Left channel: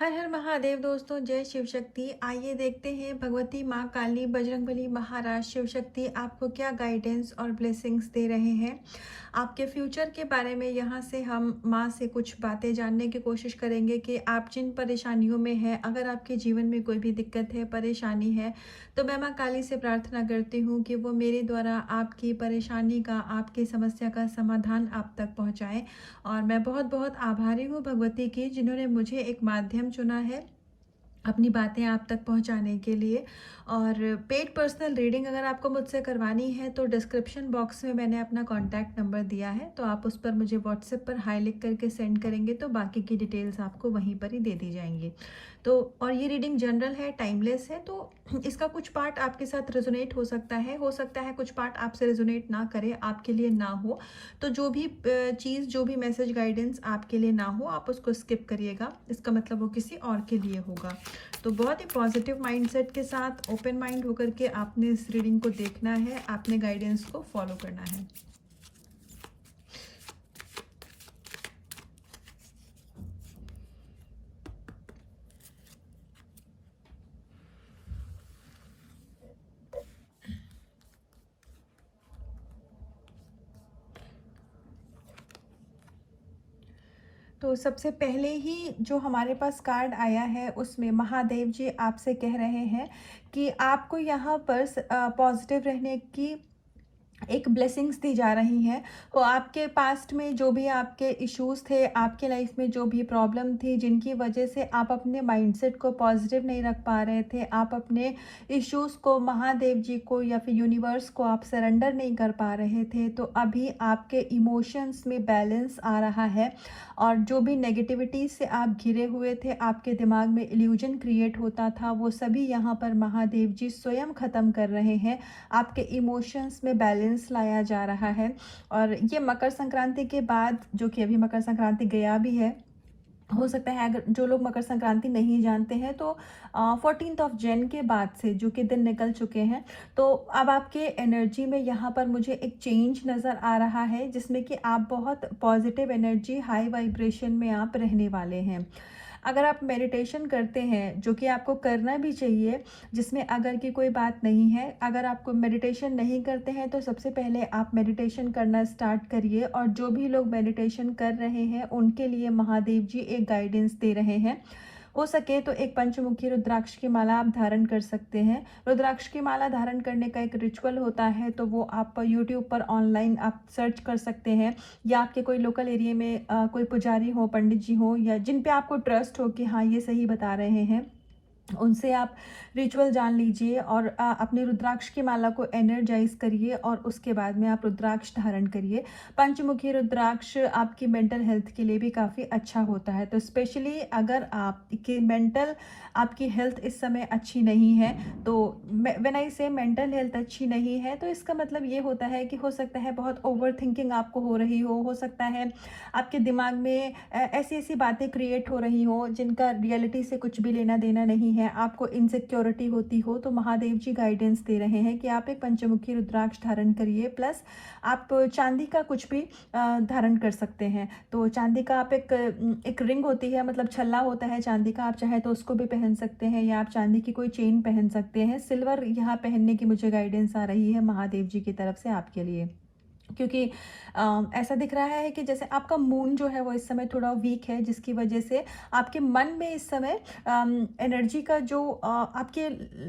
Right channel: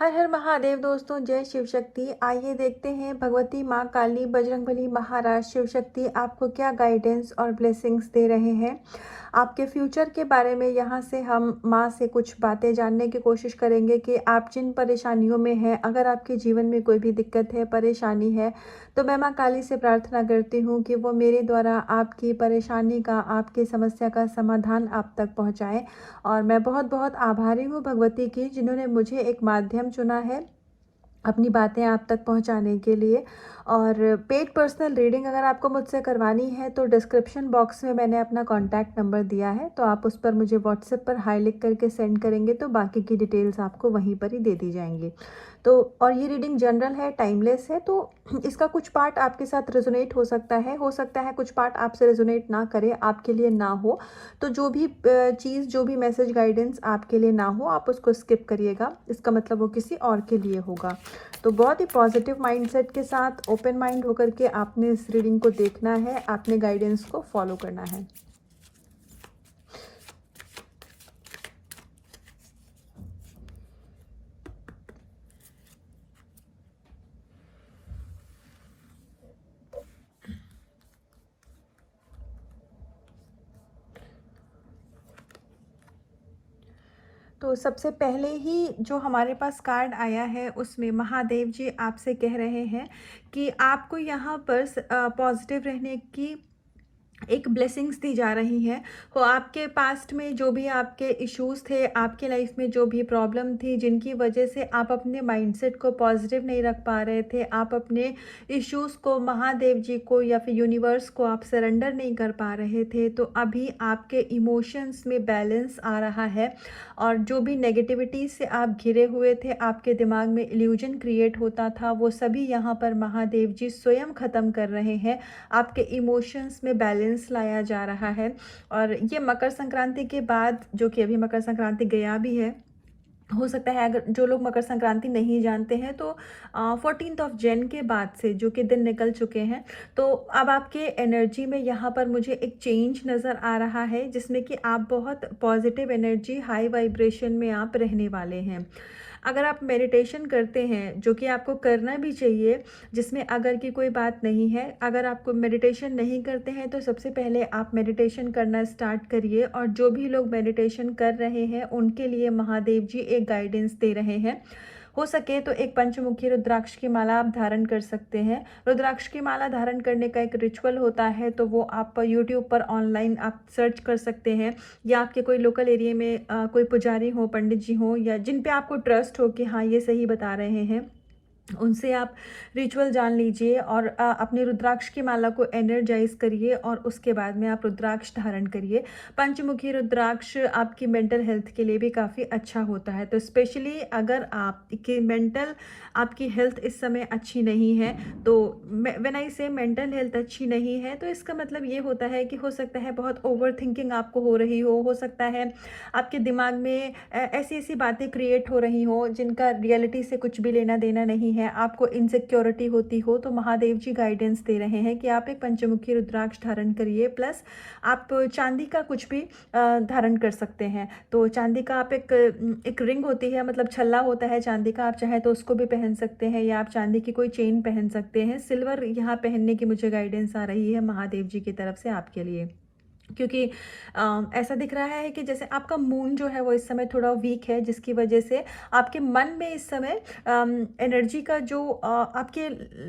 हर हर महादेव दोस्तों, जय शिव शक्ति। आइए देखते हैं भगवती माँ काली बजरंगबली महाराज शिव शक्ति आपको क्या गाइडेंस और ब्लेसिंग्स दे रहे हैं। आपके फ्यूचर के बारे में यहाँ से हम माँ से कुछ बातें जानने की कोशिश करेंगे कि आप जिन परेशानियों में हैं, अगर आपके जीवन में कोई भी दिक्कत है, परेशानी है, तो मैं माँ काली से प्रार्थना करती हूँ कि वो मेरे द्वारा आपकी परेशानी का, आपकी समस्या का समाधान आप तक पहुँचाएँ। और मैं बहुत बहुत आभारी हूँ भगवती की, जिन्होंने मुझे एक माध्यम चुना है अपनी बातें आप तक पहुंचाने के लिए। और पेड पर्सनल रीडिंग अगर आपको मुझसे करवानी है तो डिस्क्रिप्शन बॉक्स में मैंने अपना कॉन्टैक्ट नंबर दिया है, तो आप उस पर मुझे व्हाट्सएप पर हाई लिख करके सेंड करेंगे तो बाकी की डिटेल्स आपको वहीं पर ही दे दी जाएंगी। तो और ये रीडिंग जनरल है, टाइमलेस है, तो इसका कुछ पार्ट आपके साथ रेजोनेट हो सकता है कुछ पार्ट आपसे रेजोनेट ना करे, आपके लिए ना हो। तो जो भी चीज़, जो भी मैसेज गाइडेंस आपके लिए ना हो, आप उसको स्किप करिएगा, इसका मतलब वो किसी और के लिए होगा। तो बहुत ही पॉजिटिव माइंडसेट के साथ, ओपन माइंड होकर के आपने इस रीडिंग को देखना है, आपने गाइडेंस को फॉलो करना है। तो सबसे पहले ही जो हमारे पास कार्ड आया है उसमें महादेव जी आपसे कह रहे हैं कि आपको यहाँ पर पॉजिटिव रहने की एक ब्लेसिंग्स दी जा रही है। वो आपके पास्ट में जो भी आपके इश्यूज थे, आपके लाइफ में जो भी प्रॉब्लम थी, जिनकी वजह से आप अपने माइंडसेट को पॉजिटिव नहीं रख पा रहे थे, आप अपने इश्यूज को महादेव जी को या फिर यूनिवर्स को आप सरेंडर नहीं कर पा रहे थे, तो अभी आपके इमोशंस में बैलेंस आ रहा है। और जो भी नेगेटिविटी से आप घिरे हुए थे, आपके दिमाग में इल्यूजन क्रिएट होता था, वो सभी यहाँ पर महादेव जी स्वयं ख़त्म कर रहे हैं। आपके इमोशंस में बैलेंस लाया जा रहा है। और ये मकर संक्रांति के बाद, जो कि अभी मकर संक्रांति गया भी है, हो सकता है अगर जो लोग मकर संक्रांति नहीं जानते हैं तो 14th ऑफ जैन के बाद से जो कि दिन निकल चुके हैं, तो अब आपके एनर्जी में यहाँ पर मुझे एक चेंज नज़र आ रहा है, जिसमें कि आप बहुत पॉजिटिव एनर्जी, हाई वाइब्रेशन में आप रहने वाले हैं। अगर आप मेडिटेशन करते हैं, जो कि आपको करना भी चाहिए, जिसमें अगर की कोई बात नहीं है, अगर आपको मेडिटेशन नहीं करते हैं तो सबसे पहले आप मेडिटेशन करना स्टार्ट करिए। और जो भी लोग मेडिटेशन कर रहे हैं उनके लिए महादेव जी एक गाइडेंस दे रहे हैं। हो सके तो एक पंचमुखी रुद्राक्ष की माला आप धारण कर सकते हैं। रुद्राक्ष की माला धारण करने का एक रिचुअल होता है, तो वो आप यूट्यूब पर ऑनलाइन आप सर्च कर सकते हैं, या आपके कोई लोकल एरिया में कोई पुजारी हो, पंडित जी हो, या जिन पे आपको ट्रस्ट हो कि हाँ ये सही बता रहे हैं, उनसे आप रिचुअल जान लीजिए और अपनी रुद्राक्ष की माला को एनर्जाइज करिए और उसके बाद में आप रुद्राक्ष धारण करिए। पंचमुखी रुद्राक्ष आपकी मेंटल हेल्थ के लिए भी काफ़ी अच्छा होता है। तो स्पेशली अगर आपकी मेंटल, आपकी हेल्थ इस समय अच्छी नहीं है, तो व्हेन आई से मेंटल हेल्थ अच्छी नहीं है, तो इसका मतलब ये होता है कि हो सकता है बहुत ओवर थिंकिंग आपको हो रही हो सकता है आपके दिमाग में ऐसी ऐसी बातें क्रिएट हो रही हो जिनका रियलिटी से कुछ भी लेना देना नहीं है, आपको इनसिक्योरिटी होती हो, तो महादेव जी गाइडेंस दे रहे हैं कि आप एक पंचमुखी रुद्राक्ष धारण करिए। प्लस आप चांदी का कुछ भी धारण कर सकते हैं। तो चांदी का आप एक रिंग होती है, मतलब छल्ला होता है चांदी का, आप चाहे तो उसको भी पहन सकते हैं, या आप चांदी की कोई चेन पहन सकते हैं। सिल्वर यहाँ पहनने की मुझे गाइडेंस आ रही है महादेव जी की तरफ से आपके लिए, क्योंकि ऐसा दिख रहा है कि जैसे आपका मून जो है वो इस समय थोड़ा वीक है, जिसकी वजह से आपके मन में इस समय एनर्जी का जो आपके,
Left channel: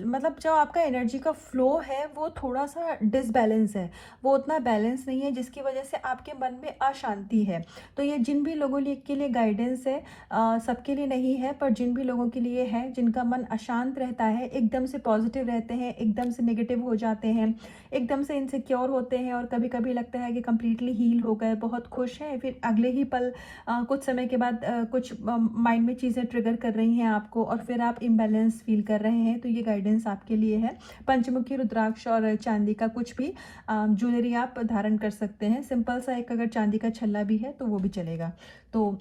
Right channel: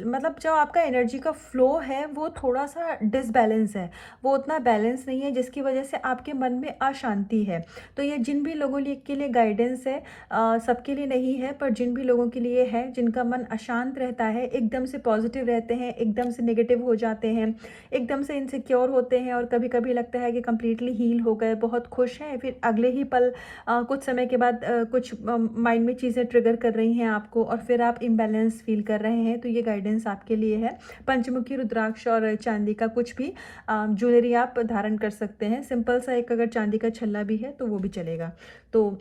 मतलब जो आपका एनर्जी का फ्लो है वो थोड़ा सा डिसबैलेंस है, वो उतना बैलेंस नहीं है, जिसकी वजह से आपके मन में अशांति है। तो ये जिन भी लोगों के लिए गाइडेंस है, सबके लिए नहीं है, पर जिन भी लोगों के लिए है, जिनका मन अशांत रहता है, एकदम से पॉजिटिव रहते हैं, एकदम से नेगेटिव हो जाते हैं, एकदम से इनसिक्योर होते हैं, और कभी कभी लगता है कि कम्प्लीटली हील हो गए, बहुत खुश हैं, फिर अगले ही पल कुछ समय के बाद कुछ माइंड में चीज़ें ट्रिगर कर रही हैं आपको, और फिर आप इम्बैलेंस फील कर रहे हैं, तो ये गाइडेंस आपके लिए है। पंचमुखी रुद्राक्ष और चांदी का कुछ भी ज्वेलरी आप धारण कर सकते हैं। सिंपल सा एक अगर चांदी का छल्ला भी है तो वो भी चलेगा। तो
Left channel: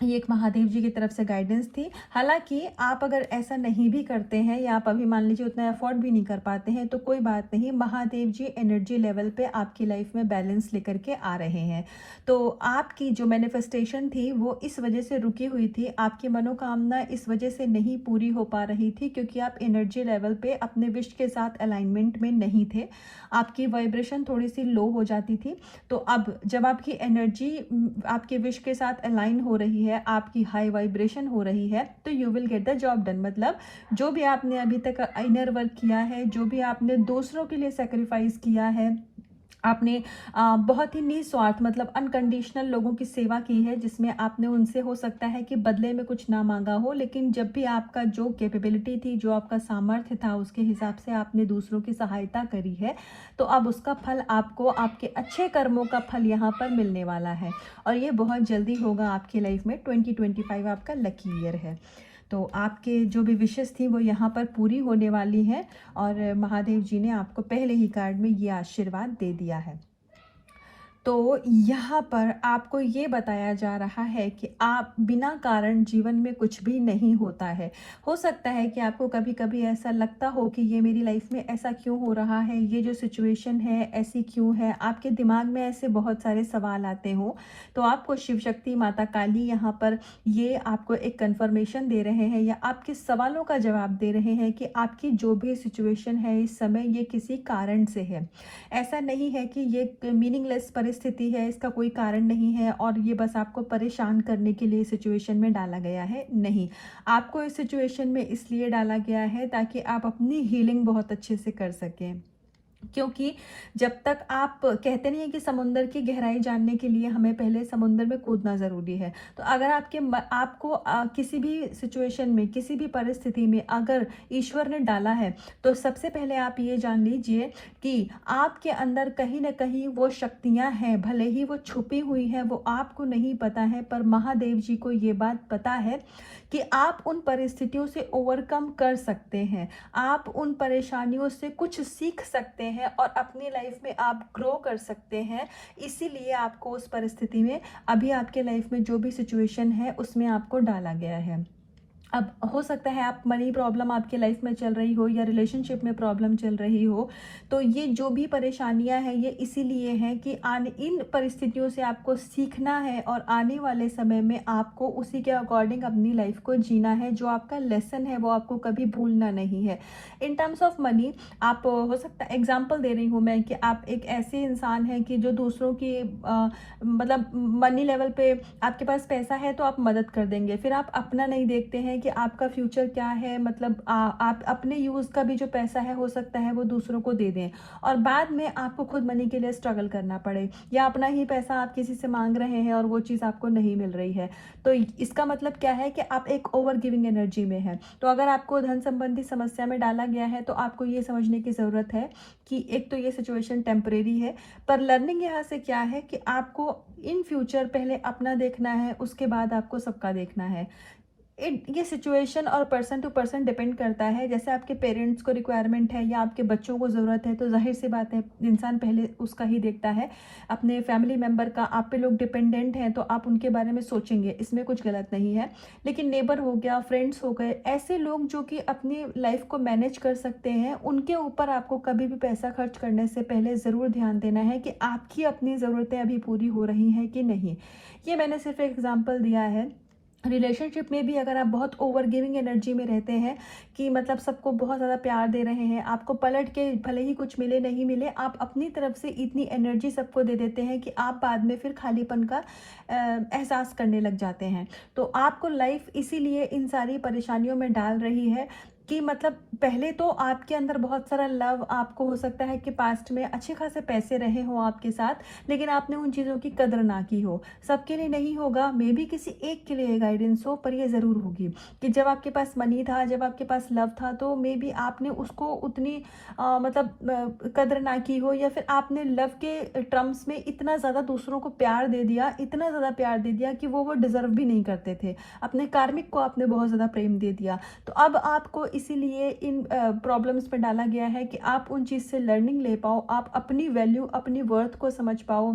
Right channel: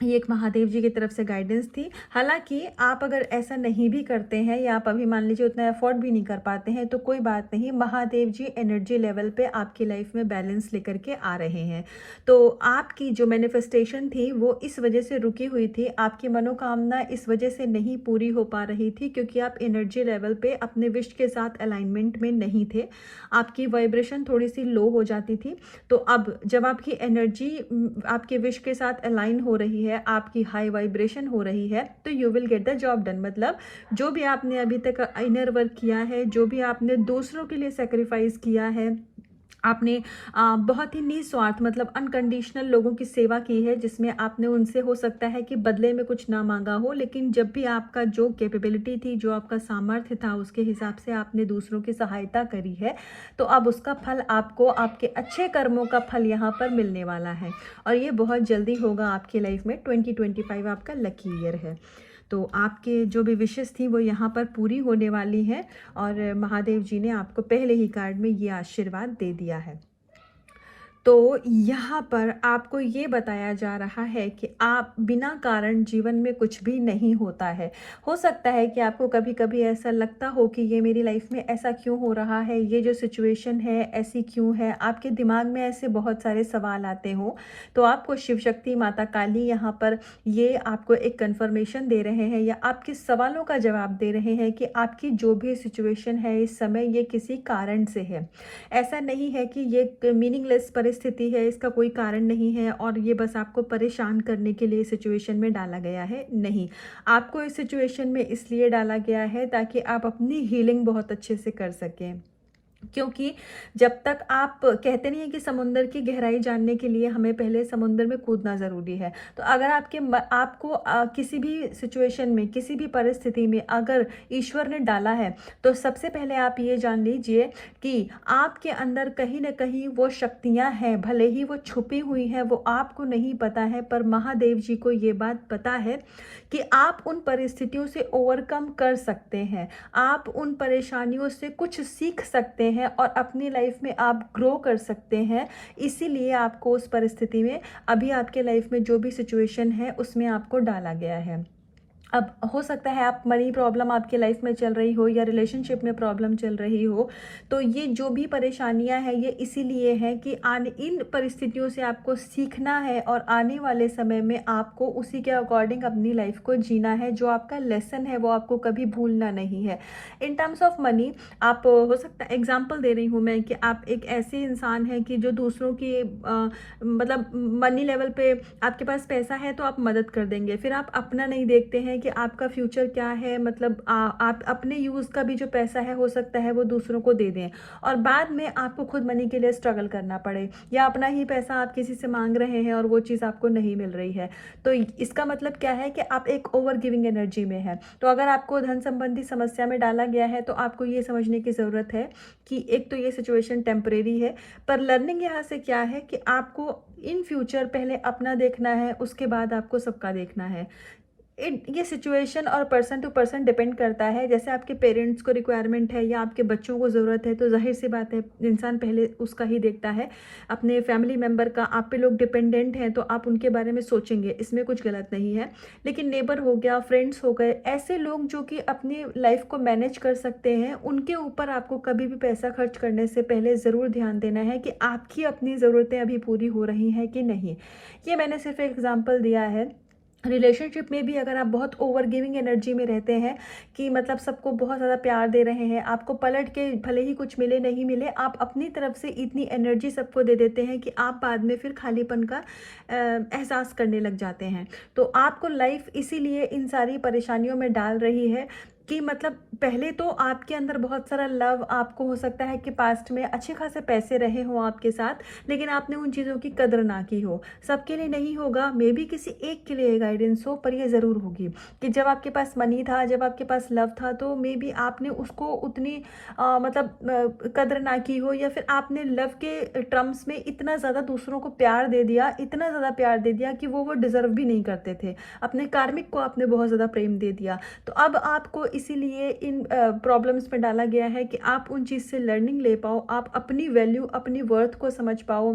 ये एक महादेव जी की तरफ से गाइडेंस थी। हालाँकि आप अगर ऐसा नहीं भी करते हैं या आप अभी मान लीजिए उतना अफ़ोर्ड भी नहीं कर पाते हैं तो कोई बात नहीं, महादेव जी एनर्जी लेवल पे आपकी लाइफ में बैलेंस लेकर के आ रहे हैं। तो आपकी जो मैनिफेस्टेशन थी वो इस वजह से रुकी हुई थी, आपकी मनोकामना इस वजह से नहीं पूरी हो पा रही थी क्योंकि आप एनर्जी लेवल पे अपने विश के साथ अलाइनमेंट में नहीं थे। आपकी वाइब्रेशन थोड़ी-सी लो हो जाती थी। तो अब जब आपकी एनर्जी आपके विश के साथ अलाइन हो रही है, आपकी हाई वाइब्रेशन हो रही है, तो you will get the job done. मतलब जो भी आपने अभी तक इनर वर्क किया है, जो भी आपने दूसरों के लिए सेक्रीफाइस किया है, आपने बहुत ही निस्वार्थ मतलब अनकंडीशनल लोगों की सेवा की है, जिसमें आपने उनसे हो सकता है कि बदले में कुछ ना मांगा हो, लेकिन जब भी आपका जो कैपेबिलिटी थी, जो आपका सामर्थ्य था, उसके हिसाब से आपने दूसरों की सहायता करी है। तो अब उसका फल आपको, आपके अच्छे कर्मों का फल यहाँ पर मिलने वाला है और ये बहुत जल्दी होगा आपकी लाइफ में। 2025 आपका लकी ईयर है। तो आपके जो भी विशेस थी वो यहाँ पर पूरी होने वाली हैं और महादेव जी ने आपको पहले ही कार्ड में ये आशीर्वाद दे दिया है। तो यहाँ पर आपको ये बताया जा रहा है कि आप बिना कारण जीवन में कुछ भी नहीं होता है। हो सकता है कि आपको कभी-कभी ऐसा लगता हो कि ये मेरी लाइफ में ऐसा क्यों हो रहा है, ये जो सिचुएशन है ऐसी क्यों है, आपके दिमाग में ऐसे बहुत सारे सवाल आते हों। तो आपको शिव शक्ति माता काली यहाँ पर ये आपको एक कन्फर्मेशन दे रहे हैं या आपके सवालों का जवाब दे रहे हैं कि आपकी जो भी सिचुएशन है इस समय, ये किसी कारण से है। ऐसा नहीं है कि ये मीनिंगलेस परिस्थिति है, इसका कोई कारण नहीं है और ये बस आपको परेशान करने के लिए सिचुएशन में डाला गया है। नहीं, आपको इस सिचुएशन में इसलिए डाला गया है ताकि आप अपनी हीलिंग बहुत अच्छे से कर सकें। क्योंकि जब तक आप कहते नहीं है कि समुंदर की गहराई जानने के लिए हमें पहले समुंदर में कूदना ज़रूरी है। तो अगर आपको किसी भी सिचुएशन में, किसी भी परिस्थिति में अगर ईश्वर ने डाला है, तो सबसे पहले आप ये जान लीजिए कि आपके अंदर कहीं न कहीं वो शक्तियाँ हैं, भले ही वो छुपी हुई हैं, वो आपको नहीं पता है, पर महादेव जी को ये बात पता है कि आप उन परिस्थितियों से ओवरकम कर सकते हैं। आप उन परेशानियों से कुछ सीख सकते हैं और अपनी लाइफ में आप ग्रो कर सकते हैं। इसीलिए आपको उस परिस्थिति में, अभी आपके लाइफ में जो भी सिचुएशन है उसमें आपको डाला गया है। अब हो सकता है आप मनी प्रॉब्लम आपके लाइफ में चल रही हो या रिलेशनशिप में प्रॉब्लम चल रही हो, तो ये जो भी परेशानियां हैं ये इसीलिए हैं कि इन परिस्थितियों से आपको सीखना है और आने वाले समय में आपको उसी के अकॉर्डिंग अपनी लाइफ को जीना है। जो आपका लेसन है वो आपको कभी भूलना नहीं है। इन टर्म्स ऑफ मनी, आप हो सकता है, एग्जाम्पल दे रही हूँ मैं, कि आप एक ऐसे इंसान हैं कि जो दूसरों की मतलब मनी लेवल पे आपके पास पैसा है तो आप मदद कर देंगे, फिर आप अपना नहीं देखते हैं कि आपका फ्यूचर क्या है। मतलब आप अपने यूज़ का भी जो पैसा है हो सकता है वो दूसरों को दे दें और बाद में आपको खुद मनी के लिए स्ट्रगल करना पड़े, या अपना ही पैसा आप किसी से मांग रहे हैं और वो चीज़ आपको नहीं मिल रही है। तो इसका मतलब क्या है कि आप एक ओवर गिविंग एनर्जी में है। तो अगर आपको धन संबंधी समस्या में डाला गया है तो आपको ये समझने की ज़रूरत है कि एक तो ये सिचुएशन टेम्परेरी है, पर लर्निंग यहाँ से क्या है कि आपको इन फ्यूचर पहले अपना देखना है, उसके बाद आपको सबका देखना है। ये सिचुएशन और पर्सन टू पर्सन डिपेंड करता है। जैसे आपके पेरेंट्स को रिक्वायरमेंट है या आपके बच्चों को ज़रूरत है, तो जाहिर सी बात है इंसान पहले उसका ही देखता है, अपने फैमिली मेम्बर का। आप पे लोग डिपेंडेंट हैं तो आप उनके बारे में सोचेंगे, इसमें कुछ गलत नहीं है। लेकिन नेबर हो गया, फ्रेंड्स हो गए, ऐसे लोग जो कि अपनी लाइफ को मैनेज कर सकते हैं, उनके ऊपर आपको कभी भी पैसा खर्च करने से पहले ज़रूर ध्यान देना है कि आपकी अपनी ज़रूरतें अभी पूरी हो रही हैं कि नहीं। ये मैंने सिर्फ एग्जाम्पल दिया है। रिलेशनशिप में भी अगर आप बहुत ओवर गिविंग एनर्जी में रहते हैं कि मतलब सबको बहुत ज़्यादा प्यार दे रहे हैं, आपको पलट के भले ही कुछ मिले नहीं मिले, आप अपनी तरफ से इतनी एनर्जी सबको दे देते हैं कि आप बाद में फिर खालीपन का एहसास करने लग जाते हैं। तो आपको लाइफ इसीलिए इन सारी परेशानियों में डाल रही है कि मतलब पहले तो आपके अंदर बहुत सारा लव, आपको हो सकता है कि पास्ट में अच्छे खासे पैसे रहे हों आपके साथ, लेकिन आपने उन चीज़ों की कदर ना की हो। सबके लिए नहीं होगा, मे बी किसी एक के लिए गाइडेंस हो, पर ये ज़रूर होगी कि जब आपके पास मनी था, जब आपके पास लव था, तो मे बी आपने उसको उतनी कदर ना की हो, या फिर आपने लव के टर्म्स में इतना ज़्यादा दूसरों को प्यार दे दिया, इतना ज़्यादा प्यार दे दिया कि वो डिज़र्व भी नहीं करते थे। अपने कार्मिक को आपने बहुत ज़्यादा प्रेम दे दिया। तो अब आपको इसीलिए इन प्रॉब्लम्स में डाला गया है कि आप उन चीज़ से लर्निंग ले पाओ, आप अपनी वैल्यू, अपनी वर्थ को समझ पाओ,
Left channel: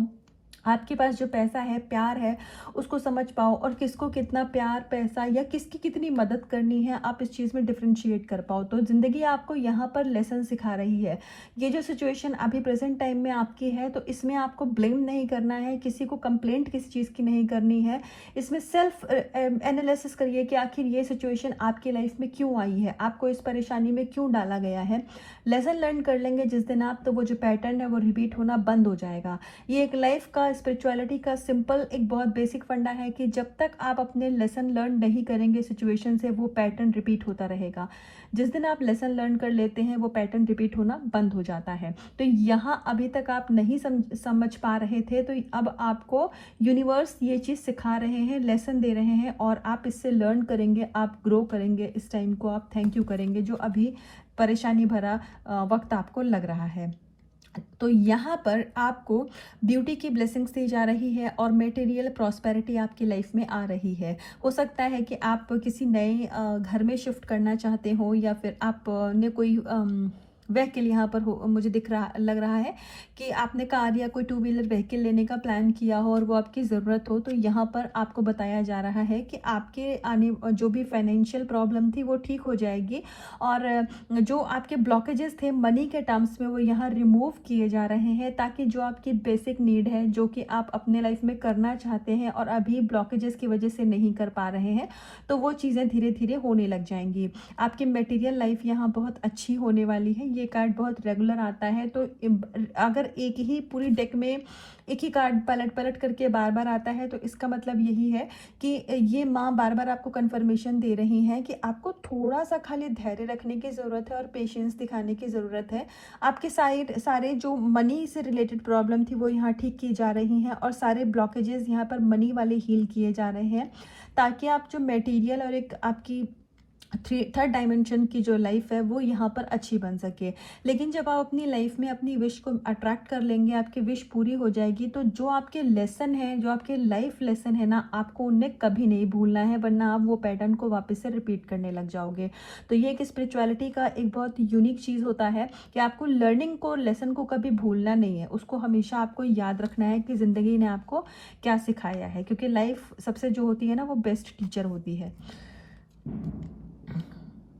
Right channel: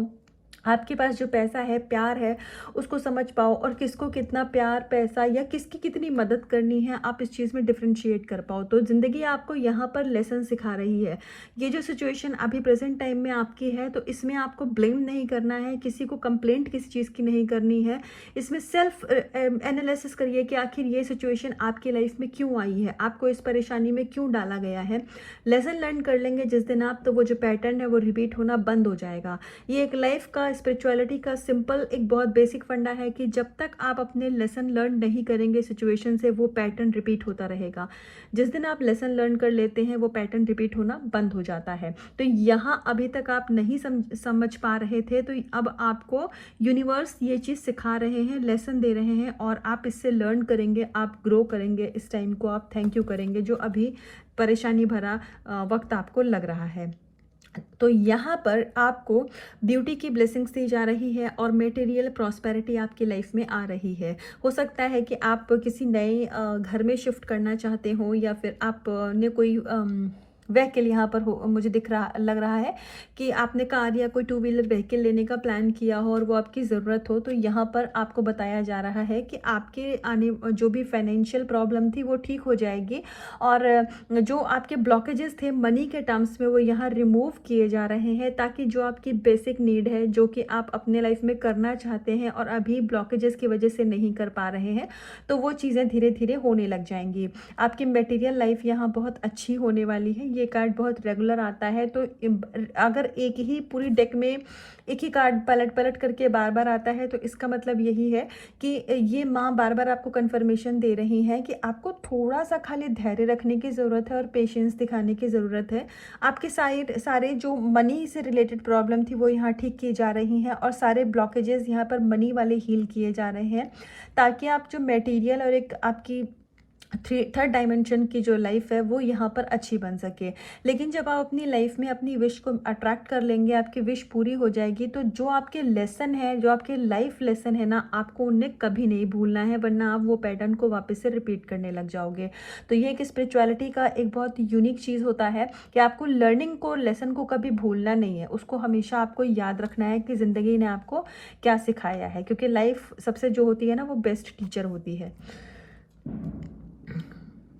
आपके पास जो पैसा है, प्यार है, उसको समझ पाओ, और किसको कितना प्यार, पैसा या किसकी कितनी मदद करनी है, आप इस चीज़ में डिफरेंशिएट कर पाओ। तो ज़िंदगी आपको यहाँ पर लेसन सिखा रही है। ये जो सिचुएशन अभी प्रेजेंट टाइम में आपकी है, तो इसमें आपको ब्लेम नहीं करना है, किसी को कंप्लेंट किसी चीज़ की नहीं करनी है। इसमें सेल्फ एनालिसिस करिए कि आखिर ये सिचुएशन आपकी लाइफ में क्यों आई है, आपको इस परेशानी में क्यों डाला गया है। लेसन लर्न कर लेंगे जिस दिन आप, तो वो जो पैटर्न है वो रिपीट होना बंद हो जाएगा। ये एक लाइफ का, स्पिरिचुअलिटी का सिंपल एक बहुत बेसिक फंडा है कि जब तक आप अपने लेसन लर्न नहीं करेंगे सिचुएशन से, वो पैटर्न रिपीट होता रहेगा। जिस दिन आप लेसन लर्न कर लेते हैं, वो पैटर्न रिपीट होना बंद हो जाता है। तो यहाँ अभी तक आप नहीं समझ पा रहे थे, तो अब आपको यूनिवर्स ये चीज़ सिखा रहे हैं, लेसन दे रहे हैं, और आप इससे लर्न करेंगे, आप ग्रो करेंगे। इस टाइम को आप थैंक यू करेंगे जो अभी परेशानी भरा वक्त आपको लग रहा है। तो यहाँ पर आपको ब्यूटी की ब्लेसिंग्स दी जा रही है और मटेरियल प्रॉस्पेरिटी आपकी लाइफ में आ रही है। हो सकता है कि आप किसी नए घर में शिफ्ट करना चाहते हो, या फिर आप ने कोई व्हीकल यहाँ पर हो, मुझे लग रहा है कि आपने कार या कोई टू व्हीलर व्हीकल लेने का प्लान किया हो और वो आपकी ज़रूरत हो। तो यहाँ पर आपको बताया जा रहा है कि आपके आने जो भी फाइनेंशियल प्रॉब्लम थी वो ठीक हो जाएगी, और जो आपके ब्लॉकेजेस थे मनी के टर्म्स में, वो यहाँ रिमूव किए जा रहे हैं, ताकि जो आपकी बेसिक नीड है, जो कि आप अपने लाइफ में करना चाहते हैं और अभी ब्लॉकेजेस की वजह से नहीं कर पा रहे हैं, तो वो चीज़ें धीरे धीरे होने लग जाएंगी। आपकी मटेरियल लाइफ यहाँ बहुत अच्छी होने वाली है। ये कार्ड बहुत रेगुलर आता है, तो अगर एक ही पूरी डेक में एक ही कार्ड पलट पलट करके बार बार आता है, तो इसका मतलब यही है कि ये माँ बार बार आपको कंफर्मेशन दे रही है कि आपको थोड़ा सा खाली धैर्य रखने की ज़रूरत है और पेशेंस दिखाने की ज़रूरत है। आपके सारे जो मनी से रिलेटेड प्रॉब्लम थी वो यहाँ ठीक की जा रही हैं, और सारे ब्लॉकेजेस यहाँ पर मनी वाले हील किए जा रहे हैं, ताकि आप जो मटेरियल और एक आपकी थर्ड डायमेंशन की जो लाइफ है वो यहाँ पर अच्छी बन सके। लेकिन जब आप अपनी लाइफ में अपनी विश को अट्रैक्ट कर लेंगे, आपकी विश पूरी हो जाएगी, तो जो आपके लेसन है, जो आपके लाइफ लेसन है ना, आपको उन्हें कभी नहीं भूलना है, वरना आप वो पैटर्न को वापस से रिपीट करने लग जाओगे। तो ये एक स्पिरिचुअलिटी का एक बहुत यूनिक चीज़ होता है कि आपको लर्निंग को, लेसन को कभी भूलना नहीं है, उसको हमेशा आपको याद रखना है कि ज़िंदगी ने आपको क्या सिखाया है, क्योंकि लाइफ सबसे जो होती है ना, वो बेस्ट टीचर होती है।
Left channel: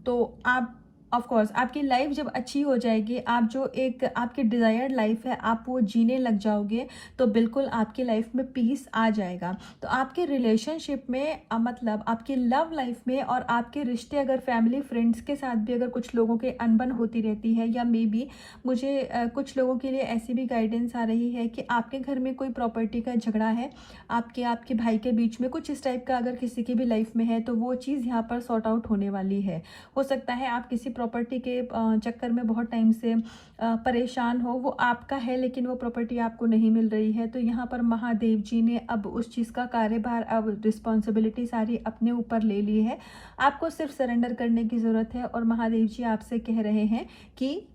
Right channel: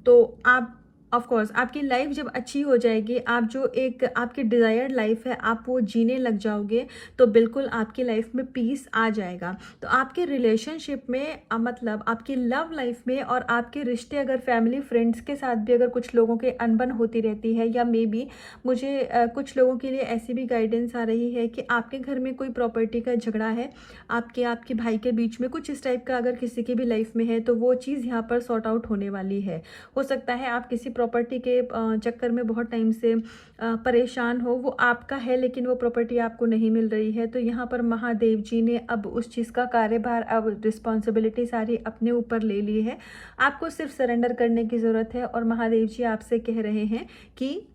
तो आप ऑफ कोर्स आपकी लाइफ जब अच्छी हो जाएगी, आप जो एक आपकी डिज़ायर्ड लाइफ है आप वो जीने लग जाओगे, तो बिल्कुल आपकी लाइफ में पीस आ जाएगा। तो आपके रिलेशनशिप में मतलब आपकी लव लाइफ में और आपके रिश्ते, अगर फैमिली फ्रेंड्स के साथ भी अगर कुछ लोगों के अनबन होती रहती है, या मे बी मुझे कुछ लोगों के लिए ऐसी भी गाइडेंस आ रही है कि आपके घर में कोई प्रॉपर्टी का झगड़ा है, आपके भाई के बीच में कुछ इस टाइप का अगर किसी की भी लाइफ में है, तो वो चीज़ यहाँ पर सॉर्ट आउट होने वाली है। हो सकता है आप किसी प्रॉपर्टी के चक्कर में बहुत टाइम से परेशान हो, वो आपका है लेकिन वो प्रॉपर्टी आपको नहीं मिल रही है, तो यहाँ पर महादेव जी ने अब उस चीज़ का कार्यभार, अब रिस्पॉन्सिबिलिटी सारी अपने ऊपर ले ली है। आपको सिर्फ सरेंडर करने की ज़रूरत है, और महादेव जी आपसे कह रहे हैं कि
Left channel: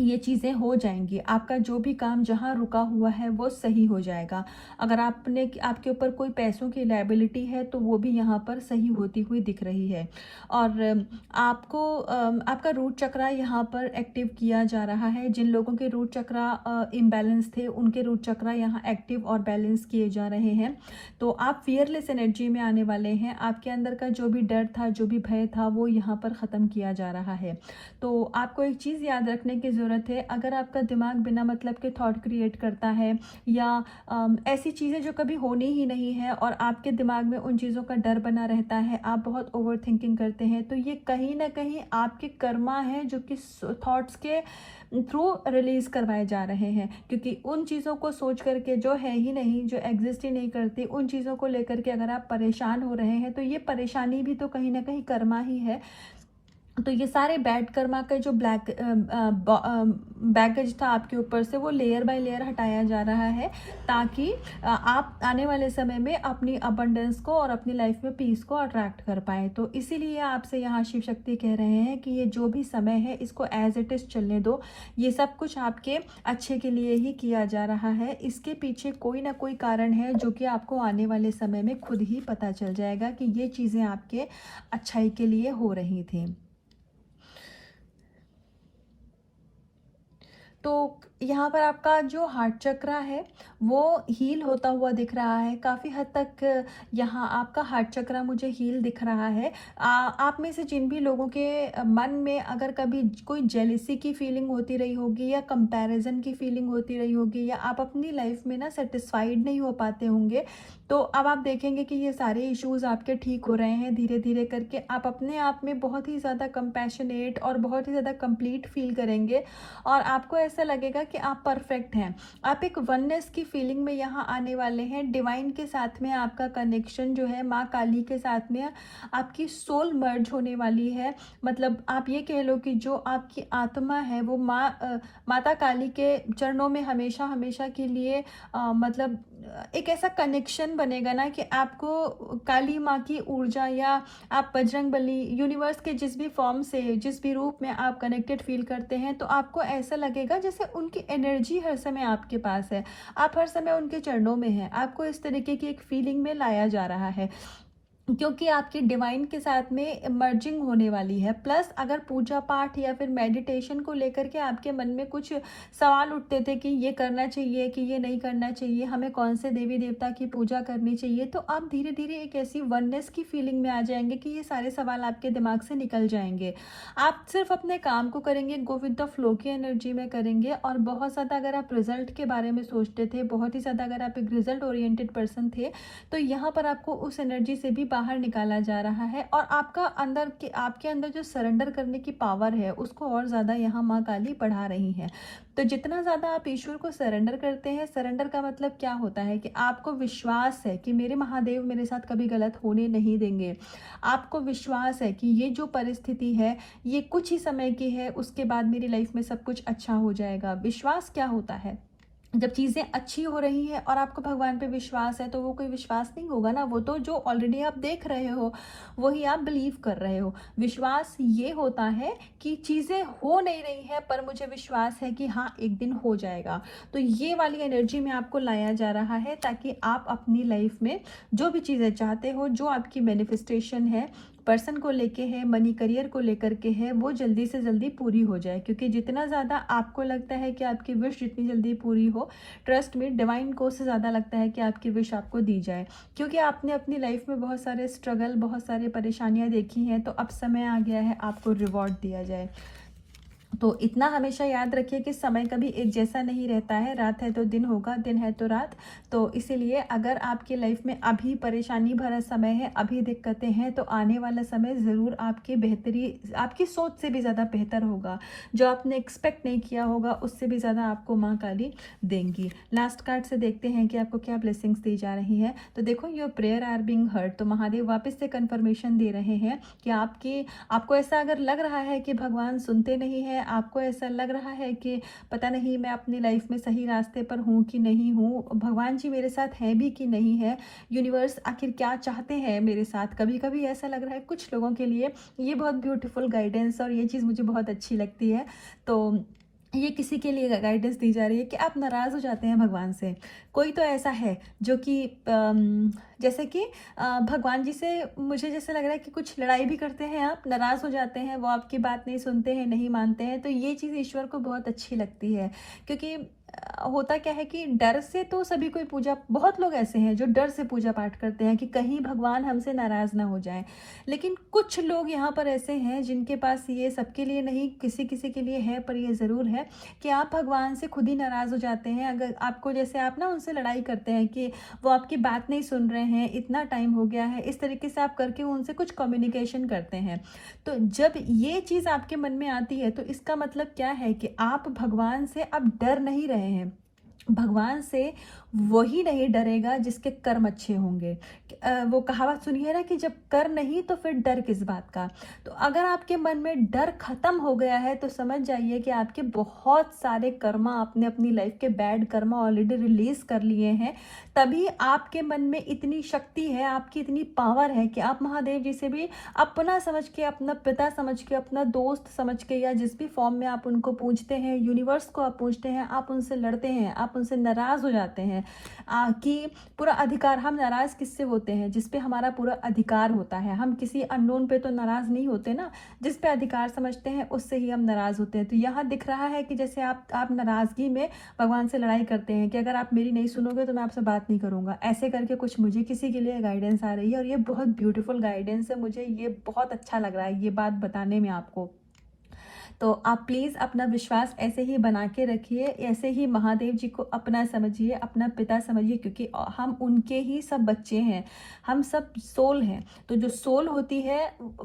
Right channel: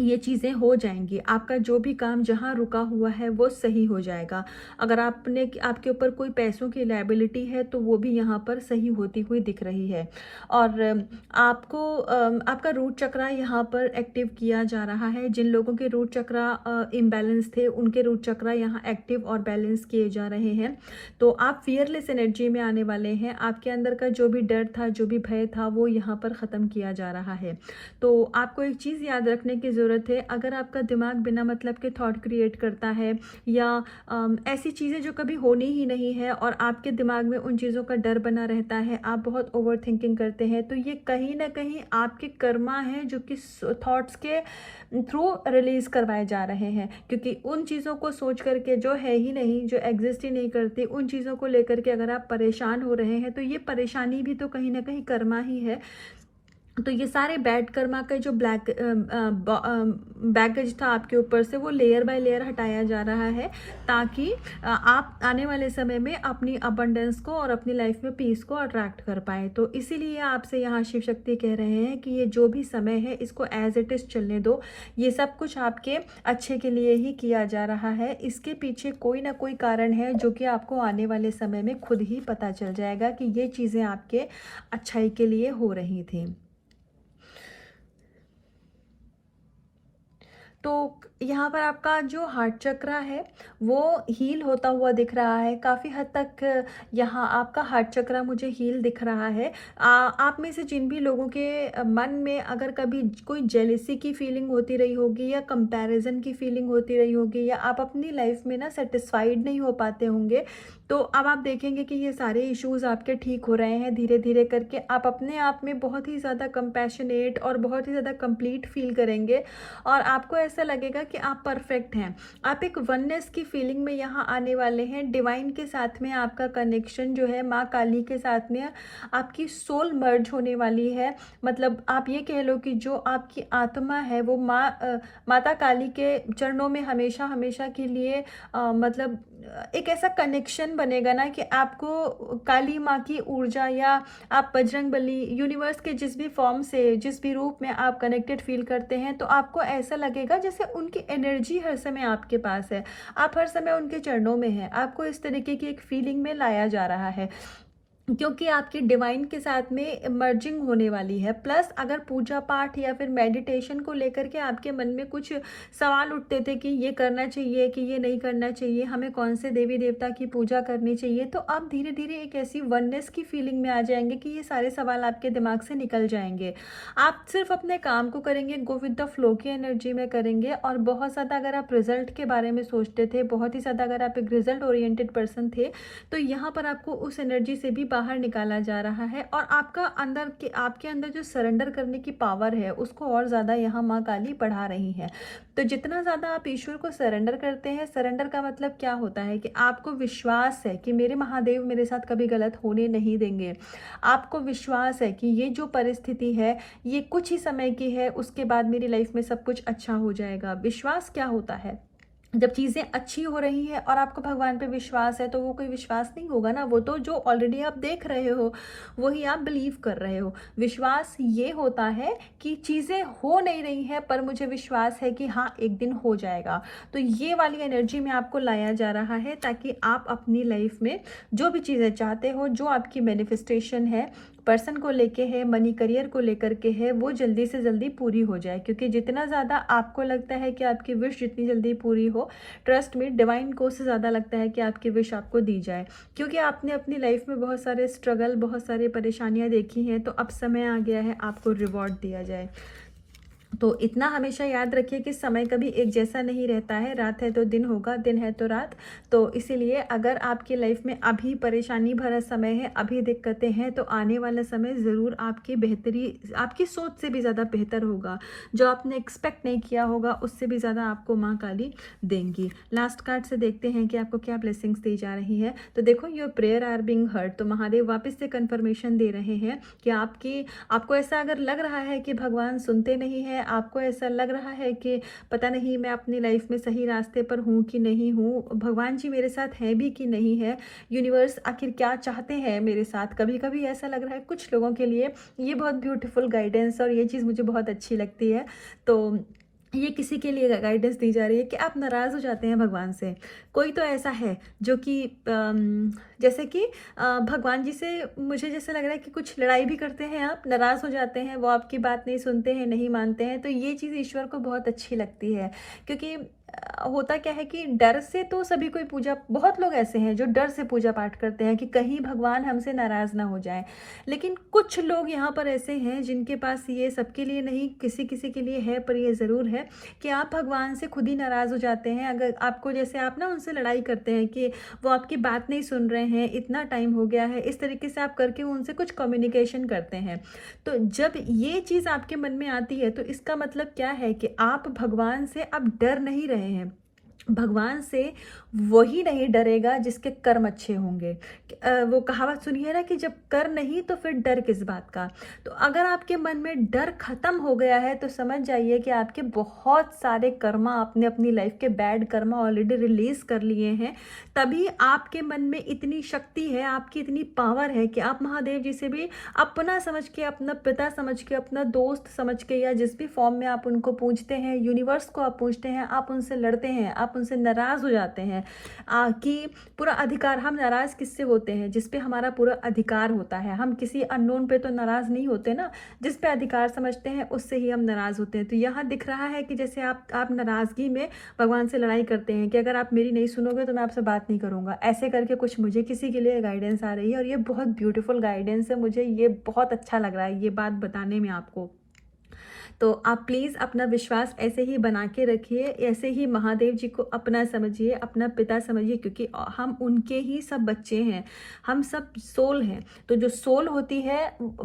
ये चीज़ें हो जाएंगी। आपका जो भी काम जहाँ रुका हुआ है वो सही हो जाएगा। अगर आपके ऊपर कोई पैसों की लायबिलिटी है, तो वो भी यहाँ पर सही होती हुई दिख रही है। और आपको आपका रूट चक्रा यहाँ पर एक्टिव किया जा रहा है। जिन लोगों के रूट चक्रा इम्बैलेंस थे, उनके रूट चक्रा यहाँ एक्टिव और बैलेंस किए जा रहे हैं। तो आप फियरलेस एनर्जी में आने वाले हैं। आपके अंदर का जो भी डर था, जो भी भय था, वो यहाँ पर ख़त्म किया जा रहा है। तो आपको एक चीज़ याद रखने की ज़रूरत है, अगर आपका दिमाग बिना मतलब के थॉट क्रिएट करता है, या ऐसी चीज़ें जो कभी होनी ही नहीं है और आपके दिमाग में उन चीज़ों का डर बना रहता है, आप बहुत ओवर थिंकिंग करते हैं, तो ये कहीं ना कहीं आपके कर्मा है जो कि थॉट्स के थ्रू रिलीज करवाए जा रहे हैं। क्योंकि उन चीज़ों को सोच करके, जो है ही नहीं, जो एग्जिस्ट ही नहीं करती, उन चीज़ों को लेकर के अगर आप परेशान हो रहे हैं, तो ये परेशानी भी तो कहीं ना कहीं कर्मा ही है। तो ये सारे बैड कर्मा का जो बैगेज था आपके ऊपर से, वो लेयर बाय लेयर हटाया जा रहा है, ताकि आप आने वाले समय में अपनी अबंडेंस को और अपनी लाइफ में पीस को अट्रैक्ट कर पाए। तो इसीलिए आपसे यहाँ शिव शक्ति कह रहे हैं कि ये जो भी समय है, इसको एज इट इज़ चलने दो। ये सब कुछ आपके अच्छे के लिए ही किया जा रहा है। इसके पीछे कोई ना कोई कारण है, जो कि आपको आने वाले समय में खुद ही पता चल जाएगा कि ये चीज़ें आपके अच्छाई के लिए हो रही थी। तो यहाँ पर आपका जो हार्ट चक्रा है वो हील होता हुआ दिख रहा है काफ़ी हद तक। यहाँ आपका हार्ट चक्रा मुझे हील दिख रहा है। आप में से जिन भी लोगों के मन में अगर कभी कोई जेलिसी की फीलिंग होती रही होगी या कंपैरिजन की फीलिंग होती रही होगी या आप अपनी लाइफ में ना सेटिस्फाइड नहीं हो पाते होंगे, तो अब आप देखेंगे कि ये सारे इश्यूज आपके ठीक हो रहे हैं धीरे धीरे करके। आप अपने आप में बहुत ही ज़्यादा कंपैशनेट और बहुत ही ज़्यादा कंप्लीट फील करेंगे और आपको ऐसा लगेगा कि आप परफेक्ट हैं। आप एक वननेस की फीलिंग में यहाँ आने वाले हैं। डिवाइन के साथ में आपका कनेक्शन जो है, माँ काली के साथ में आपकी सोल मर्ज होने वाली है। मतलब आप ये कह लो कि जो आपकी आत्मा है वो माता काली के चरणों में हमेशा हमेशा के लिए मतलब एक ऐसा कनेक्शन बनेगा ना कि आपको काली माँ की ऊर्जा या आप बजरंगबली यूनिवर्स के जिस भी फॉर्म से जिस भी रूप में आप कनेक्टेड फील करते हैं, तो आपको ऐसा लगेगा जैसे उनकी एनर्जी हर समय आपके पास है, आप हर समय उनके चरणों में हैं। आपको इस तरीके की एक फीलिंग में लाया जा रहा है क्योंकि आपकी डिवाइन के साथ में मर्जिंग होने वाली है। प्लस अगर पूजा पाठ या फिर मेडिटेशन को लेकर के आपके मन में कुछ सवाल उठते थे कि ये करना चाहिए कि ये नहीं करना चाहिए, हमें कौन से देवी देवता की पूजा करनी चाहिए, तो आप धीरे धीरे एक ऐसी वननेस की फीलिंग में आ जाएंगे कि ये सारे सवाल आपके दिमाग से निकल जाएंगे। आप सिर्फ अपने काम को करेंगे, गो विद द फ्लो की एनर्जी में करेंगे। और बहुत ज़्यादा अगर आप रिजल्ट के बारे में सोचते थे, बहुत ही ज़्यादा अगर आप एक रिजल्ट ओरिएंटेड पर्सन थे, तो यहाँ पर आपको उस एनर्जी से भी बाहर निकाला जा रहा है। और आपका आपके अंदर जो सरेंडर करने की पावर है उसको और ज़्यादा यहाँ माँ काली बढ़ा रही है। तो जितना ज़्यादा आप ईश्वर को सरेंडर करते हैं, सरेंडर का मतलब क्या होता है कि आपको विश्वास है कि मेरे महादेव मेरे साथ कभी गलत होने नहीं देंगे। आपको विश्वास है कि ये जो परिस्थिति है ये कुछ ही समय की है, उसके बाद मेरी लाइफ में सब कुछ अच्छा हो जाएगा। विश्वास क्या होता है? जब चीज़ें अच्छी हो रही हैं और आपको भगवान पे विश्वास है, तो वो कोई विश्वास नहीं होगा ना, वो तो जो ऑलरेडी आप देख रहे हो वही आप बिलीव कर रहे हो। विश्वास ये होता है कि चीज़ें हो नहीं रही हैं पर मुझे विश्वास है कि हाँ एक दिन हो जाएगा। तो ये वाली एनर्जी में आपको लाया जा रहा है ताकि आप अपनी लाइफ में जो भी चीज़ें चाहते हो, जो आपकी मैनिफेस्टेशन है, पर्सन को लेके है, मनी करियर को लेकर के है, वो जल्दी से जल्दी पूरी हो जाए। क्योंकि जितना ज़्यादा आपको लगता है कि आपकी विश जितनी जल्दी पूरी हो, ट्रस्ट में डिवाइन को से ज़्यादा लगता है कि आपकी विश आपको दी जाए। क्योंकि आपने अपनी लाइफ में बहुत सारे स्ट्रगल, बहुत सारी परेशानियां देखी हैं, तो अब समय आ गया है आपको रिवॉर्ड दिया जाए। तो इतना हमेशा याद रखिए कि समय कभी एक जैसा नहीं रहता है। रात है तो दिन होगा, दिन है तो रात। तो इसीलिए अगर आपकी लाइफ में अभी परेशानी भरा समय है, अभी दिक्कतें हैं, तो आने वाला समय ज़रूर आपकी बेहतरी, आपकी सोच से भी ज़्यादा बेहतर होगा। जो आपने एक्सपेक्ट नहीं किया होगा उससे भी ज़्यादा आपको माँ काली देंगी। लास्ट कार्ड से देखते हैं कि आपको क्या ब्लेसिंग्स दी जा रही है। तो देखो, your prayer are being heard. तो महादेव वापस से कन्फर्मेशन दे रहे हैं कि आपको ऐसा अगर लग रहा है कि भगवान सुनते नहीं हैं, आपको ऐसा लग रहा है कि पता नहीं मैं अपनी लाइफ में सही रास्ते पर हूँ कि नहीं हूँ, भगवान जी मेरे साथ हैं भी कि नहीं है, यूनिवर्स आखिर क्या चाहते हैं मेरे साथ, कभी कभी ऐसा लग रहा है कुछ लोगों के लिए। ये बहुत ब्यूटीफुल गाइडेंस और ये चीज़ मुझे बहुत अच्छी लगती है। तो ये किसी के लिए गाइडेंस दी जा रही है कि आप नाराज़ हो जाते हैं भगवान से। कोई तो ऐसा है जो कि जैसे कि भगवान जी से मुझे जैसे लग रहा है कि कुछ लड़ाई भी करते हैं, आप नाराज़ हो जाते हैं, वो आपकी बात नहीं सुनते हैं, नहीं मानते हैं। तो ये चीज़ ईश्वर को बहुत अच्छी लगती है। क्योंकि होता क्या है कि डर से तो सभी कोई पूजा, बहुत लोग ऐसे हैं जो डर से पूजा पाठ करते हैं कि कहीं भगवान हमसे नाराज़ ना हो जाए। लेकिन कुछ लोग यहाँ पर ऐसे हैं जिनके पास, ये सबके लिए नहीं, किसी किसी के लिए है, पर ये ज़रूर है कि आप भगवान से खुद ही नाराज़ हो जाते हैं। अगर आपको, जैसे आप ना उनसे लड़ाई करते हैं कि वो आपकी बात नहीं सुन रहे हैं, इतना टाइम हो गया है, इस तरीके से आप करके उनसे कुछ कम्युनिकेशन करते हैं। तो जब ये चीज़ आपके मन में आती है तो इसका मतलब क्या है कि आप भगवान से अब डर नहीं रहे हैं। भगवान से वही नहीं डरेगा जिसके कर्म अच्छे होंगे। वो कहावत सुनी है ना कि जब कर नहीं तो फिर डर किस बात का। तो अगर आपके मन में डर खत्म हो गया है तो समझ जाइए कि आपके बहुत सारे कर्मा, आपने अपनी लाइफ के बैड कर्मा ऑलरेडी रिलीज कर लिए हैं। तभी आपके मन में इतनी शक्ति है, आपकी इतनी पावर है कि आप महादेव जी से भी अपना समझ के, अपना पिता समझ के, अपना दोस्त समझ के, या जिस भी फॉर्म में आप उनको पूछते हैं, यूनिवर्स को आप पूछते हैं, आप उनसे लड़ते हैं, आप आप उनसे नाराज़ हो जाते हैं कि पूरा अधिकार, हम नाराज़ किससे होते हैं? जिस पे हमारा पूरा अधिकार होता है। हम किसी अननोन पे तो नाराज़ नहीं होते ना, जिस पे अधिकार समझते हैं उससे ही हम नाराज़ होते हैं। तो यहाँ दिख रहा है कि जैसे आप नाराज़गी में भगवान से लड़ाई करते हैं कि अगर आप मेरी नहीं सुनोगे तो मैं आपसे बात नहीं करूँगा, ऐसे करके कुछ मुझे किसी के लिए गाइडेंस आ रही है। और ये बहुत ब्यूटीफुल गाइडेंस है, मुझे ये बहुत अच्छा लग रहा है ये बात बताने में आपको। तो आप प्लीज़ अपना विश्वास ऐसे ही बना के रखिए, ऐसे ही महादेव जी को अपना समझिए, अपना पिता समझिए, क्योंकि हम उनके ही सब बच्चे हैं, हम सब सोल हैं। तो जो सोल होती है,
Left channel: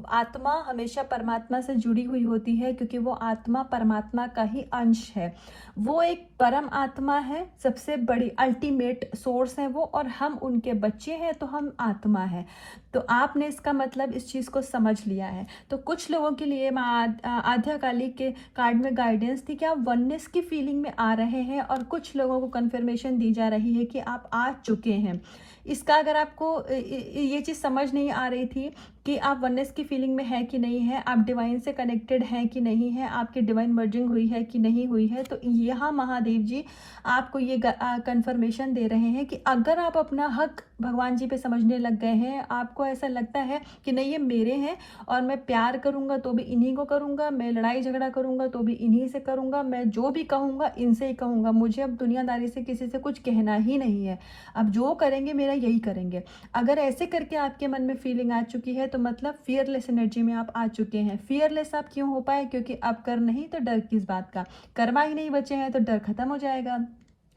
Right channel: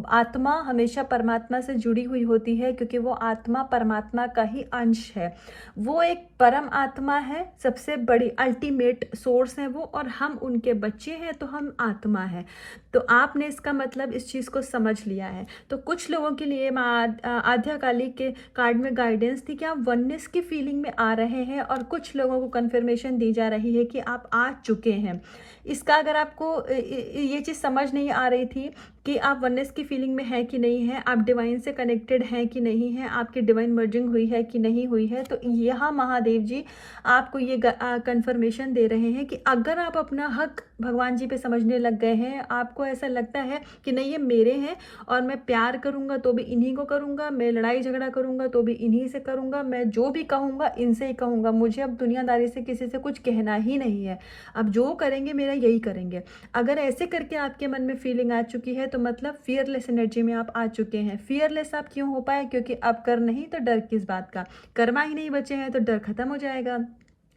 आत्मा हमेशा परमात्मा से जुड़ी हुई होती है, क्योंकि वो आत्मा परमात्मा का ही अंश है। वो एक परम आत्मा है, सबसे बड़ी अल्टीमेट सोर्स है वो, और हम उनके बच्चे हैं, तो हम आत्मा है। तो आपने इसका मतलब इस चीज़ को समझ लिया है। तो कुछ लोगों के लिए आध्याकाली के कार्ड में गाइडेंस थी कि आप वननेस की फीलिंग में आ रहे हैं, और कुछ लोगों को कंफर्मेशन दी जा रही है कि आप आ चुके हैं। इसका अगर आपको ये चीज़ समझ नहीं आ रही थी कि आप वननेस की फीलिंग में है कि नहीं है, आप डिवाइन से कनेक्टेड हैं कि नहीं है, आपकी डिवाइन मर्जिंग हुई है कि नहीं हुई है, तो यहाँ महादेव जी आपको ये कंफर्मेशन दे रहे हैं कि अगर आप अपना हक भगवान जी पे समझने लग गए हैं, आपको ऐसा लगता है कि नहीं ये मेरे हैं और मैं प्यार करूँगा तो भी इन्हीं को करूँगा, मैं लड़ाई झगड़ा करूँगा तो भी इन्हीं से करूँगा, मैं जो भी कहूँगा इनसे ही कहूँगा, मुझे अब दुनियादारी से किसी से कुछ कहना ही नहीं है, अब जो करेंगे मेरा यही करेंगे। अगर ऐसे करके आपके मन में फीलिंग आ चुकी है तो मतलब फियरलेस एनर्जी में आप आ चुके हैं। फियरलेस आप क्यों हो पाए? क्योंकि अब कर नहीं तो डर किस बात का, कर्मा ही नहीं बचे हैं तो डर खत्म हो जाएगा।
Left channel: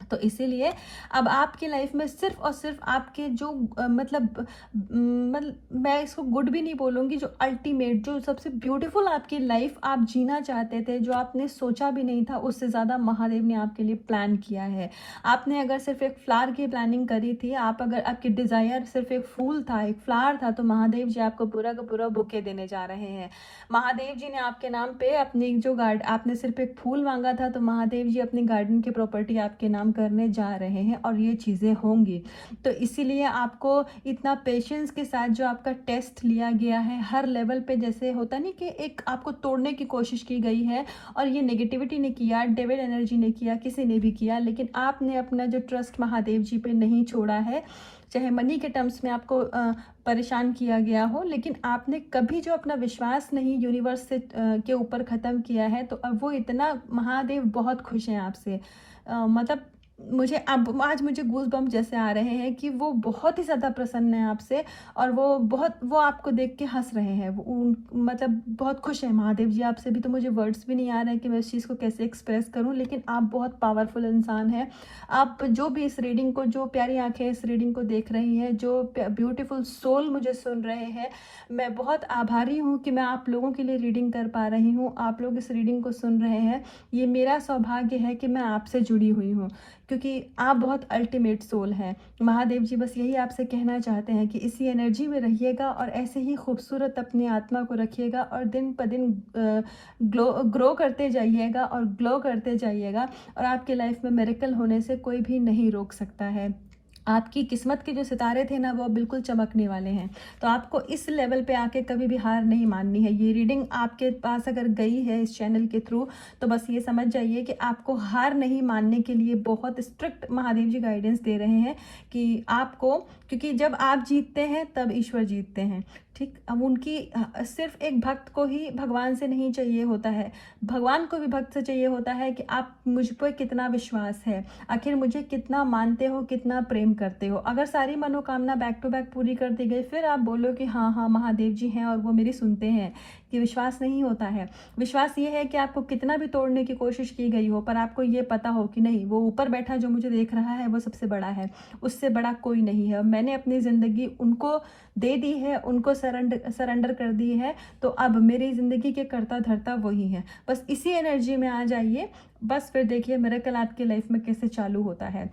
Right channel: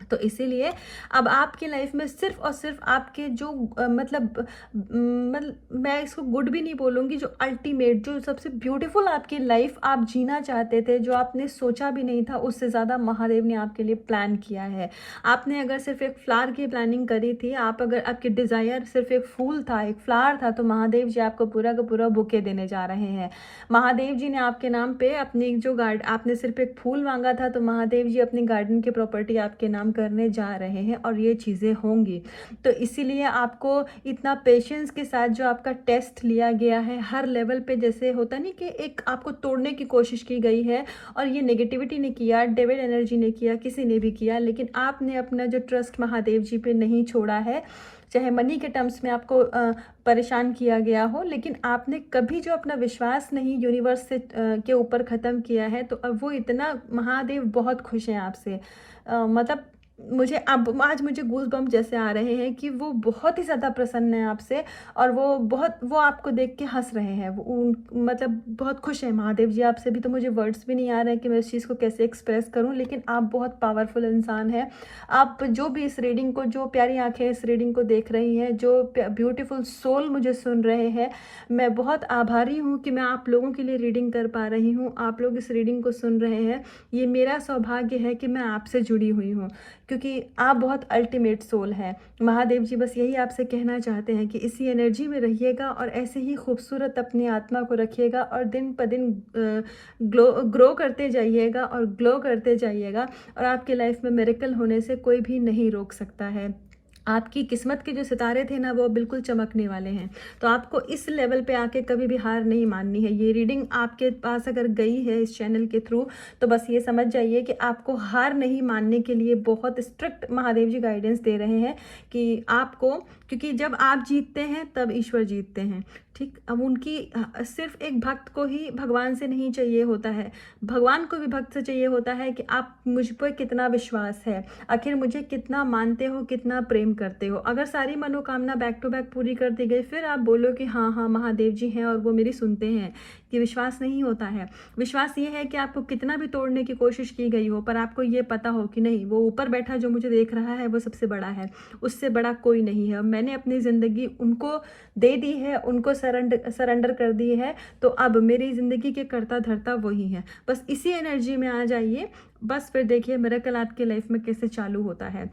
तो इसीलिए अब आपकी लाइफ में सिर्फ और सिर्फ आपके जो मतलब मैं इसको गुड भी नहीं बोलूँगी, जो अल्टीमेट, जो सबसे ब्यूटीफुल आपकी लाइफ आप जीना चाहते थे, जो आपने सोचा भी नहीं था, उससे ज़्यादा महादेव ने आपके लिए प्लान किया है। आपने अगर सिर्फ एक फ्लावर की प्लानिंग करी थी, आप अगर आपकी डिज़ायर सिर्फ एक फूल था, एक फ्लावर था, तो महादेव जी आपको पूरा का पूरा बुके देने जा रहे हैं। महादेव जी ने आपके नाम पे अपनी जो आपने सिर्फ एक फूल मांगा था, तो महादेव जी अपनी गार्डन की प्रॉपर्टी आपके नाम करने जा रहे हैं, और ये चीज़ें होंगी। तो इसीलिए आपको इतना पेशेंस के साथ जो आपका टेस्ट लिया गया है, हर लेवल पे जैसे होता नहीं कि एक आपको तोड़ने की कोशिश की गई है, और ये नेगेटिविटी ने किया, डेविल एनर्जी ने किया, किसी ने भी किया, लेकिन आपने अपना जो ट्रस्ट महादेव जी पे नहीं छोड़ा है। चाहे मनी के टर्म्स में आपको परेशान किया गया हो, लेकिन आपने कभी जो अपना विश्वास नहीं यूनिवर्स से के ऊपर ख़त्म किया है, तो अब वो इतना महादेव बहुत खुश हैं आपसे। मतलब मुझे अब आज मुझे गूज बम्प जैसे आ रहे हैं कि वो बहुत ही ज़्यादा प्रसन्न है आपसे, और वो आपको देख के हंस रहे हैं, मतलब बहुत खुश है महादेव जी आपसे भी। तो मुझे वर्ड्स भी नहीं आ रहे हैं कि मैं इस चीज़ को कैसे एक्सप्रेस करूं, लेकिन आप बहुत पावरफुल इंसान हैं। आप जो भी इस रीडिंग को, जो प्यारी आंखें इस रीडिंग को देख रही हैं, जो ब्यूटीफुल सोल मुझे सुन रहे हैं, मैं बहुत आभारी हूँ कि मैं आप लोगों के लिए रीडिंग कर पा रही हूँ, आप लोग इस रीडिंग को सुन रहे हैं। ये मेरा सौभाग्य है कि मैं आपसे जुड़ी हुई हूँ, क्योंकि आप बहुत अल्टीमेट सोल हैं। महादेव जी बस यही आपसे कहना चाहते हैं कि इसी एनर्जी में रहिएगा, और ऐसे ही खूबसूरत अपनी आत्मा को रखिएगा, और दिन प दिन ग्रो करते जाइएगा और ग्लो करते जाइएगा, और आपकी लाइफ में मिरेकल होने से कोई भी नहीं रोक सकता है। आपकी किस्मत के जो सितारे थे ना, वो बिल्कुल चमकने वाले हैं। तो आपको इस लेवल पे आके कभी भी हार नहीं माननी है। ये रीडिंग आपके पास अगर गई है इस चैनल के थ्रू, तो बस ये समझ जाइए कि आपको हार नहीं मानने के लिए बहुत स्ट्रिक्ट महादेव जी गाइडेंस दे रहे हैं कि आपको, क्योंकि जब आप जीतते हैं तब ईश्वर जीतते हैं। ठीक, अब उनकी सिर्फ एक भक्त को ही भगवान से नहीं चाहिए होता है, भगवान को भी भक्त से चाहिए होता है कि आप मुझ पर कितना विश्वास है, आखिर मुझे कितना मानते हो, कितना प्रेम करते हो। अगर सारी मनोकामना बैक टू बैक पूरी कर दी गई, फिर आप बोलो कि हाँ हाँ महादेव जी हैं और वो मेरी सुनते हैं, कि विश्वास नहीं होता है। विश्वास ये है कि आपको कितना भी तोड़ने की कोशिश की गई हो, पर आपको ये पता हो कि नहीं, वो ऊपर बैठा जो मुझे देख रहा है वो सबसे बड़ा है, उससे बड़ा कोई नहीं है। मैंने अपनी ज़िंदगी उनको दे दी है, उनको सरेंडर कर दी है, तो अब मेरी ज़िंदगी के कर्ता धर्ता वही है। बस इसी एनर्जी में आ जाइए, बस फिर देखिए मिरेकल आपकी लाइफ में कैसे चालू होता है।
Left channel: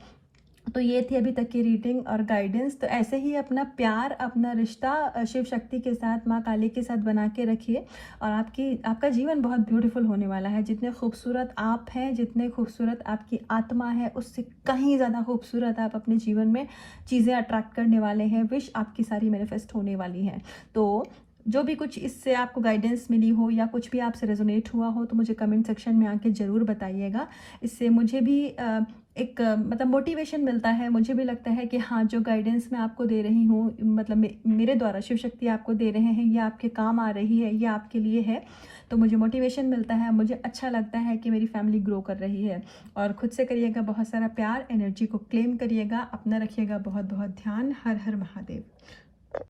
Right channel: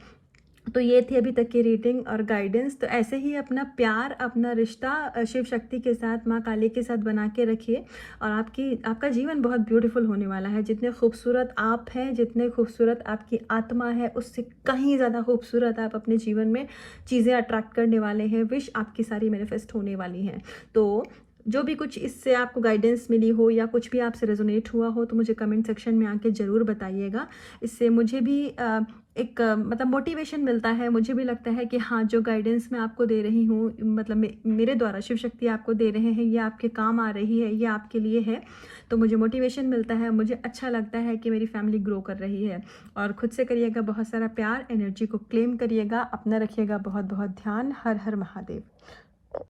तो ये थी अभी तक की रीडिंग और गाइडेंस। तो ऐसे ही अपना प्यार, अपना रिश्ता शिव शक्ति के साथ, माँ काली के साथ बना के रखिए, और आपका जीवन बहुत ब्यूटीफुल होने वाला है। जितने खूबसूरत आप हैं, जितने खूबसूरत आपकी आत्मा है, उससे कहीं ज़्यादा खूबसूरत आप अपने जीवन में चीज़ें अट्रैक्ट करने वाले हैं। विश आपकी सारी मैनिफेस्ट होने वाली हैं। तो जो भी कुछ इससे आपको गाइडेंस मिली हो या कुछ भी आपसे रेजोनेट हुआ हो तो मुझे कमेंट सेक्शन में आके ज़रूर बताइएगा। इससे मुझे भी एक मतलब मोटिवेशन मिलता है, मुझे भी लगता है कि हाँ, जो गाइडेंस मैं आपको दे रही हूँ, मतलब मेरे द्वारा शिव शक्ति आपको दे रहे हैं, ये आपके काम आ रही है, ये आपके लिए है। तो मुझे मोटिवेशन मिलता है, मुझे अच्छा लगता है कि मेरी फैमिली ग्रो कर रही है। और खुद से करिएगा बहुत सारा प्यार, एनर्जी को क्लेम करिएगा, अपना रखिएगा बहुत बहुत ध्यान। हर हर महादेव।